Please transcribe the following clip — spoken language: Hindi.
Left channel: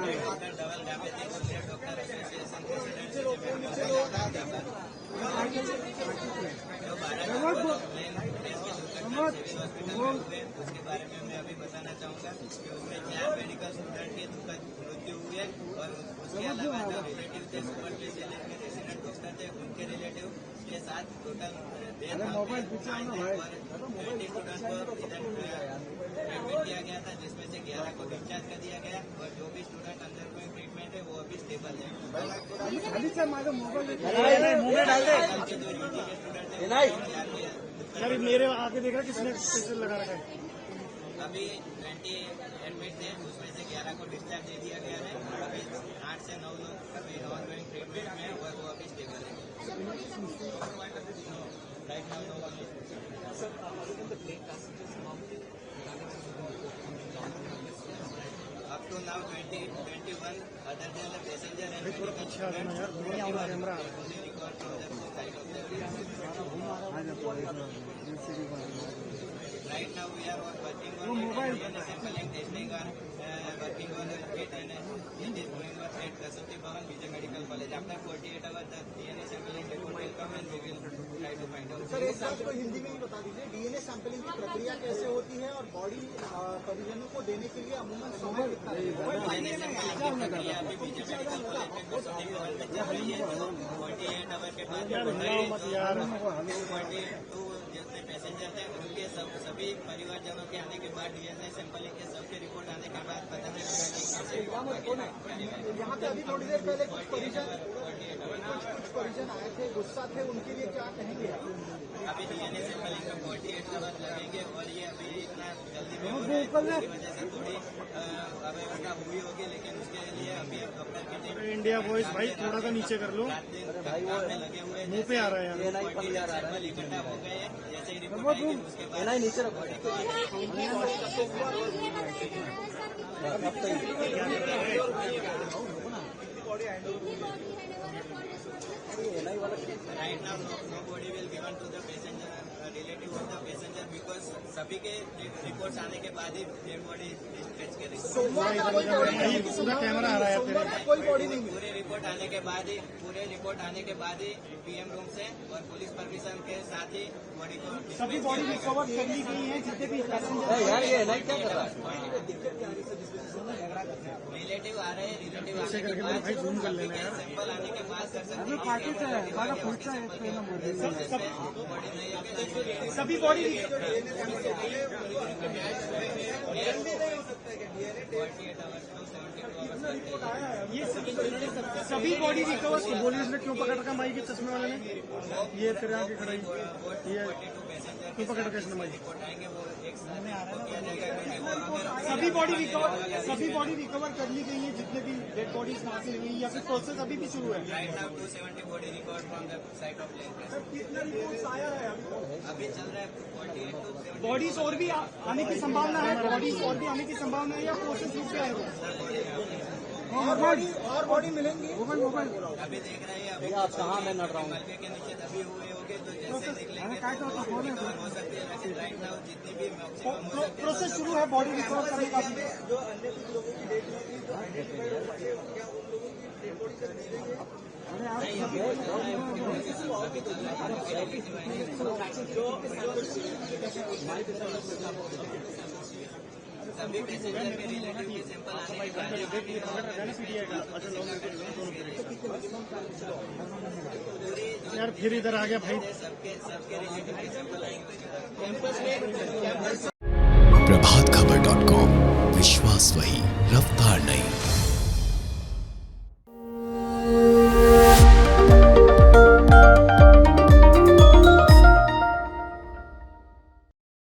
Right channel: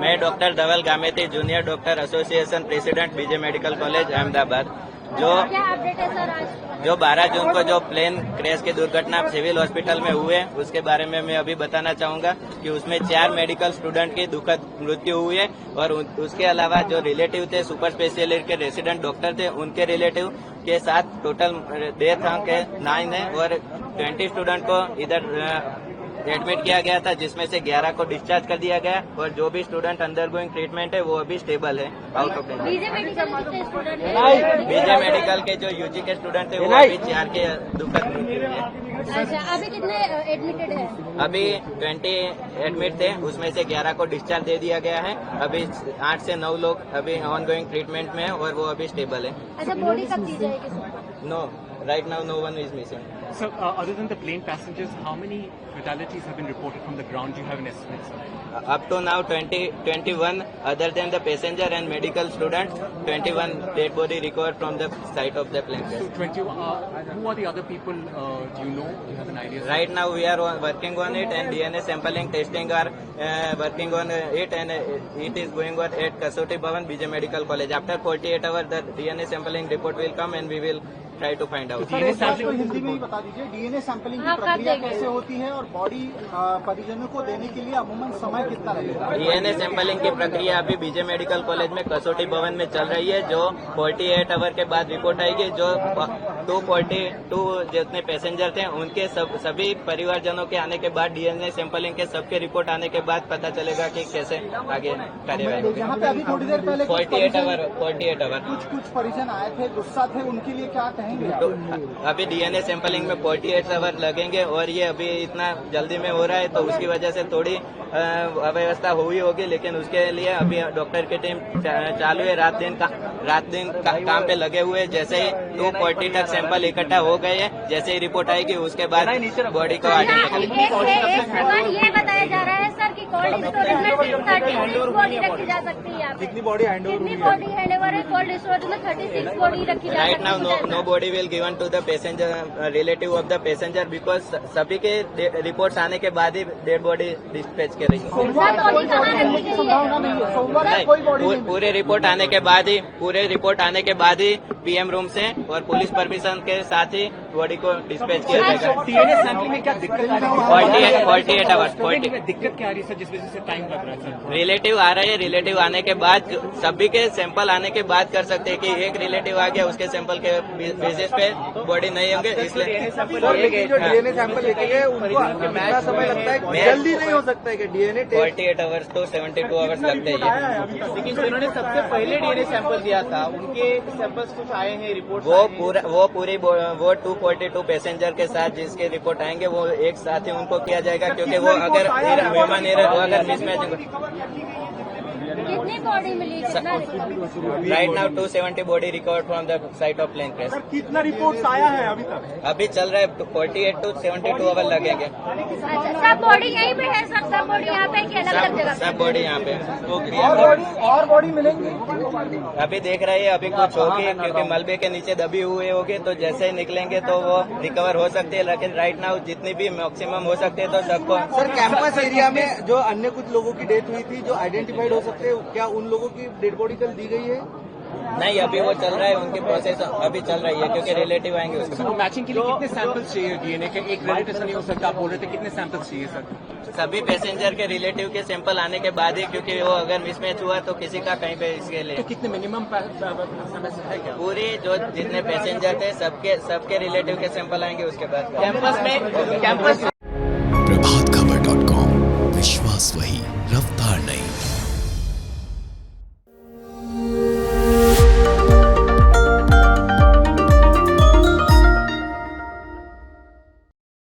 मैं doctor Dhaval Gameti, junior doctor association president, BJ medical college Ahmedabad. जो 12 जून को जो प्लेन क्रैश की दुर्घटना सिविल हॉस्पिटल में हुए, उसके बारे में मैं अभी बताना चाहूंगा कि उसमें 4 मेडिकल स्टूडेंट की दुखद मृत्यु हुई है और उसके अलावा जो रिलेटिव थे, सुपर स्पेशलिस्ट के रेसिडेंट डॉक्टर थे, उनके रिलेटिव के साथ टोटल डेथ के 9 है और 20 स्टूडेंट को इधर एडमिट किया गया था, जिसमें से 11 को डिस्चार्ज कर दिया गया और जो भी स्टूडेंट अंडर गोइंग ट्रीटमेंट है वो अभी स्टेबल है out of danger. BJ medical के जो यूजी के स्टूडेंट थे वो अभी 4 के दुखद मृत्यु हुई है। अभी कितने एडमिटेड है? अभी 20 एडमिट थे, उसमें से 11 को डिस्चार्ज दे दिया गया है। अभी 8 से 9 लोग अभी ऑन गोइंग ट्रीटमेंट में है और वो अभी स्टेबल है। अच्छा, बॉडी कब दी जाएगी? No, right now no one is missing. So, other than the plane passengers, how many fatalities have been reported from the ground? Do you have an estimate? Up to now 21 other than the passenger and medical student, 21 dead body recovered from the site of the plane crash. Who are the other people? Do you know? Do you have an idea? Right now we are working on it and DNA sampling testing are working on it and it is going on at Kasoti Bhavan, BJ Medical College. After 48 hours the DNA sampling report will come and we will try to find out. Sir, एक बात तो हिंदी में ही बता दीजिए, डीएनए सैंपलिंग की प्रक्रिया कैसे होती है और बॉडी परिजनों को देने के लिए अमूमन समय कितना लगेगा? डीएनए सैंपलिंग की प्रक्रिया अभी बीजे मेडिकल कॉलेज में कसौटी भवन में चल रही है, जो 48 आवर के बाद रिपोर्ट आएगी। जो 242 जितने पैसेंजर थे उनके सभी परिवारजनों के आने के बाद, डीएनए सैंपलिंग के सबके रिपोर्ट आने के बाद पता चलेगा कि कैसे आगे कार्यवाही। यहाँ पे अभी थोड़ी देर पहले 48 आवर कुछ परिजन आए थे, गुस्सा थे, उनके लिए क्या कहेंगे? तो अभी डीएनए सैंपलिंग में 48 आवर लगेंगे और ये अभी इतना जल्दी में हो रहा है तो उसकी वजह से थोड़ी अव्यवस्था हुई होगी, लेकिन उसके लिए अभी डॉक्टर की टीम चालू है, रात दिन काम पे लगे हुए हैं। जैसे ही 240 तक सैंपल इकट्ठा हो गए हैं, जैसे ही रिपोर्ट आएगी उसके बाद बॉडी को आगे ये बताया जा रहा है सर कि कोल्ड स्टोरेज में 36 बॉडी रखी जा सकती है। कितनी बॉडी हैंडओवर है? कोल्ड स्टोरेज में 36 बॉडी रखी जा राइट नाउ सकती है। No body will given to the passenger relative of the passenger because सभी के रिपोर्ट्स आने के बाद ही डेड बॉडी डिस्पैच करेगी। सोमवार को कोई बॉडी मिलने की संभावना नहीं है। सोमवार को कोई बॉडी नहीं। पूरे रिपोर्ट आने के बाद ही पीएम रूम से और पुलिस परमिशन के साथ ही बॉडी को डिस्पैच किया जाएगा। डीएनए सैंपलिंग में क्या दिक्कत आ रही है? 48 आवर्स दिक्कत क्या आ रही है सर, जिस वजह से टाइम लग रहा है सर? रिलेटिव आ रहे हैं, रिलेटिव आने के बाद सभी के सैंपल आने के बाद कर सकते हैं कि एक रिलेटिव आ गया, उसके सैंपल के बेसिस पे बॉडी नहीं होंगे, इसलिए डीएनए सैंपल लेके गए उनको कितना समय लगता है? जल्दी नहीं हो सकता है कि डीएनए 48 आवर्स तो 72 आवर्स लगते हैं। लेकिन जिन्होंने सबसे पहले डीएनए सैंपल दिया था उनके सैंपल्स कुछ आए हैं रिपोर्ट? वो 242 पैसेंजर के साथ जिसके रिपोर्ट आएंगे वो एक साथ ही उनको किया जाएगा, क्योंकि वो अगर मेहमान अगर मिसमैच। कितनी बॉडी मिली? Right now 270 body recovered from the site of plane crash. कितना रिपोर्ट आया है अभी तक? अभी चल रहा है 48 to 72 आवर लगेंगे। सब बॉडी यहीं पे है? सब बॉडी यहाँ पे कि अलग अलग जगह? सब बॉडी यहाँ पे। और बॉडी मिलेंगी? अभी देख रहे हैं, अभी कुछ होगी क्योंकि मलबे के नीचे दबी हुए होगी, तो जैसे ही निकलेंगे तो वो रिकवर हो सकती है, लेकिन राइट नाउ जितनी भी मैक्सिमम हो सकते हैं तो सबको। सर, कैंपस एरिया में जो अन्य कुछ लोगों की डेथ हुई थी जो आइडेंटिफाइड हो सकते हैं, क्या उन लोगों की डेड बॉडी कल दी गई है? नहीं, अभी वो चल रहा है, उनकी प्रोसेस अभी चल रही है क्योंकि रिलेटिव आएंगे उसके बाद। मैचिंग के लिए कितने सैंपल्स चाहिए डीएनए के? एक रिलेटिव नहीं हो सकता, आप बोल रहे थे, कितने सैंपल्स चाहिए सर? सभी पैसेंजर के रिलेटिव के सैंपल आने के बाद ही, क्योंकि वो अगर मिसमैच हुआ तो किसी का कहीं पे इसके लिए। तो कितने मिनिमम है क्या? पूरी जो जितने पैसेंजर थे सबके रिलेटिव के सैंपल आएंगे उसके बाद। कैंपस प्रभातखबर.com, विश्वास वही, रफ्तार नहीं।